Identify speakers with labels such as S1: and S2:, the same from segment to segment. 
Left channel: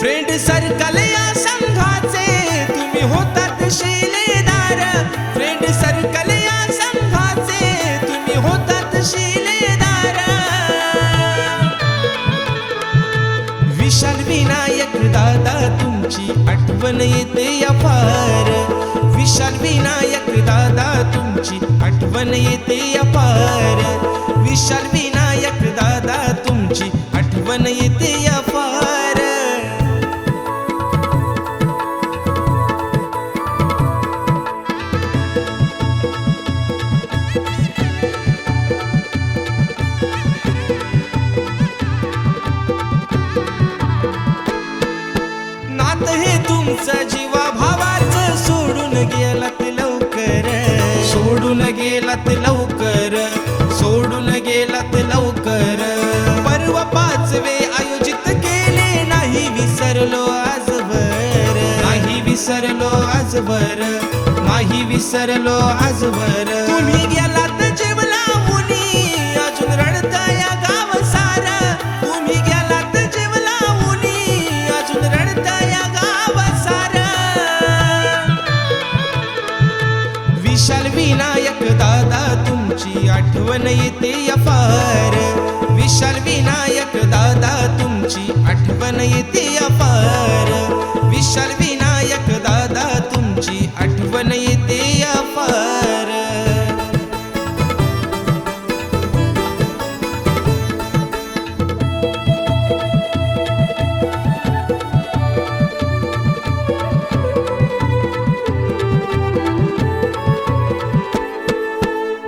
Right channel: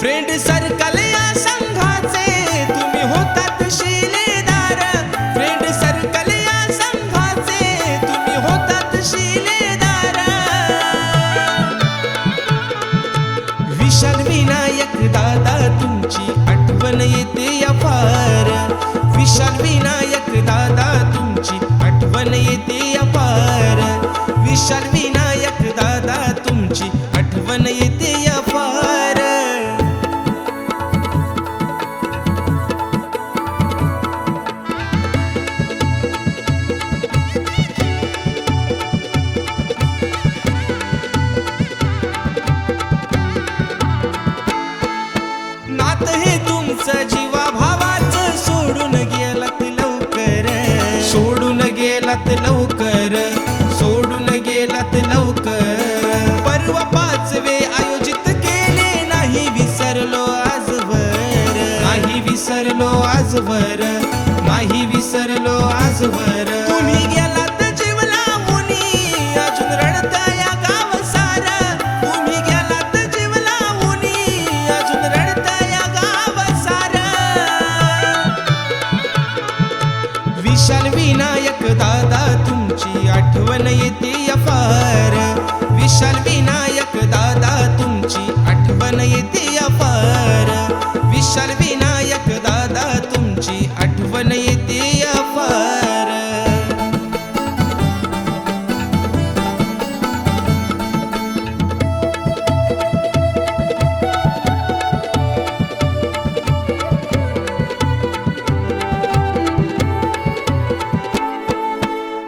S1: Circle या संघाचे तुम्ही होतात शिलेदार. फ्रेंड सर्कल या संघाचे तुम्ही होतात शिलेदार. विशाल विनायक दादा तुमची आठवण येते या फार विशाल विनायक दादा तुमची आठवण येते या फार विशाल विनायक दादा तुमची आठवण येते या नात हे तुमचं जीवा भावाच सोडून गेलात लवकर. सोडून गेलात लवकर. सोडून गेलात लवकर. परवा पाचवे आयोजित केले नाही विसरलो. विशाल विनायक दादा तुमची आठवण येते या विशाल विनायक दादा तुमची आठवण येते या विशाल विनायक दादा तुमची आठवण येते या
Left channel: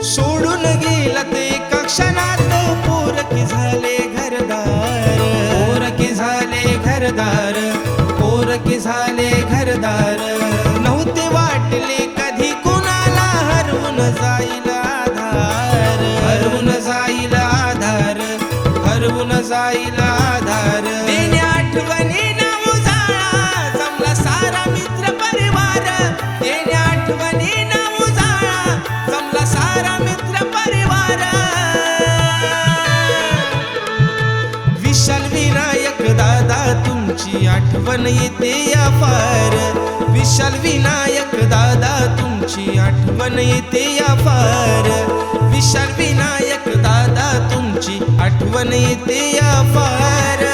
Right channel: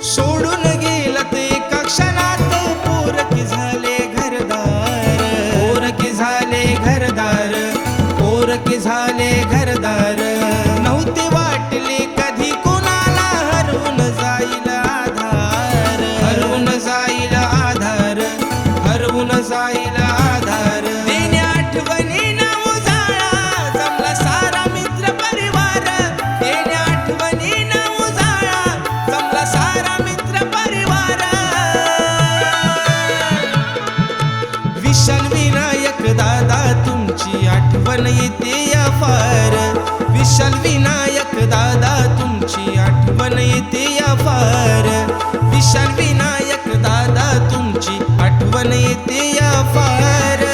S1: सोडून गेला ते कक्षणात पोरकी झाले घरदार. विशाल विनायक दादा तुमची आठवण येते या फार विशाल विनायक दादा तुमची आठवण येते या फार विशाल विनायक दादा तुमची आठवण येते या फार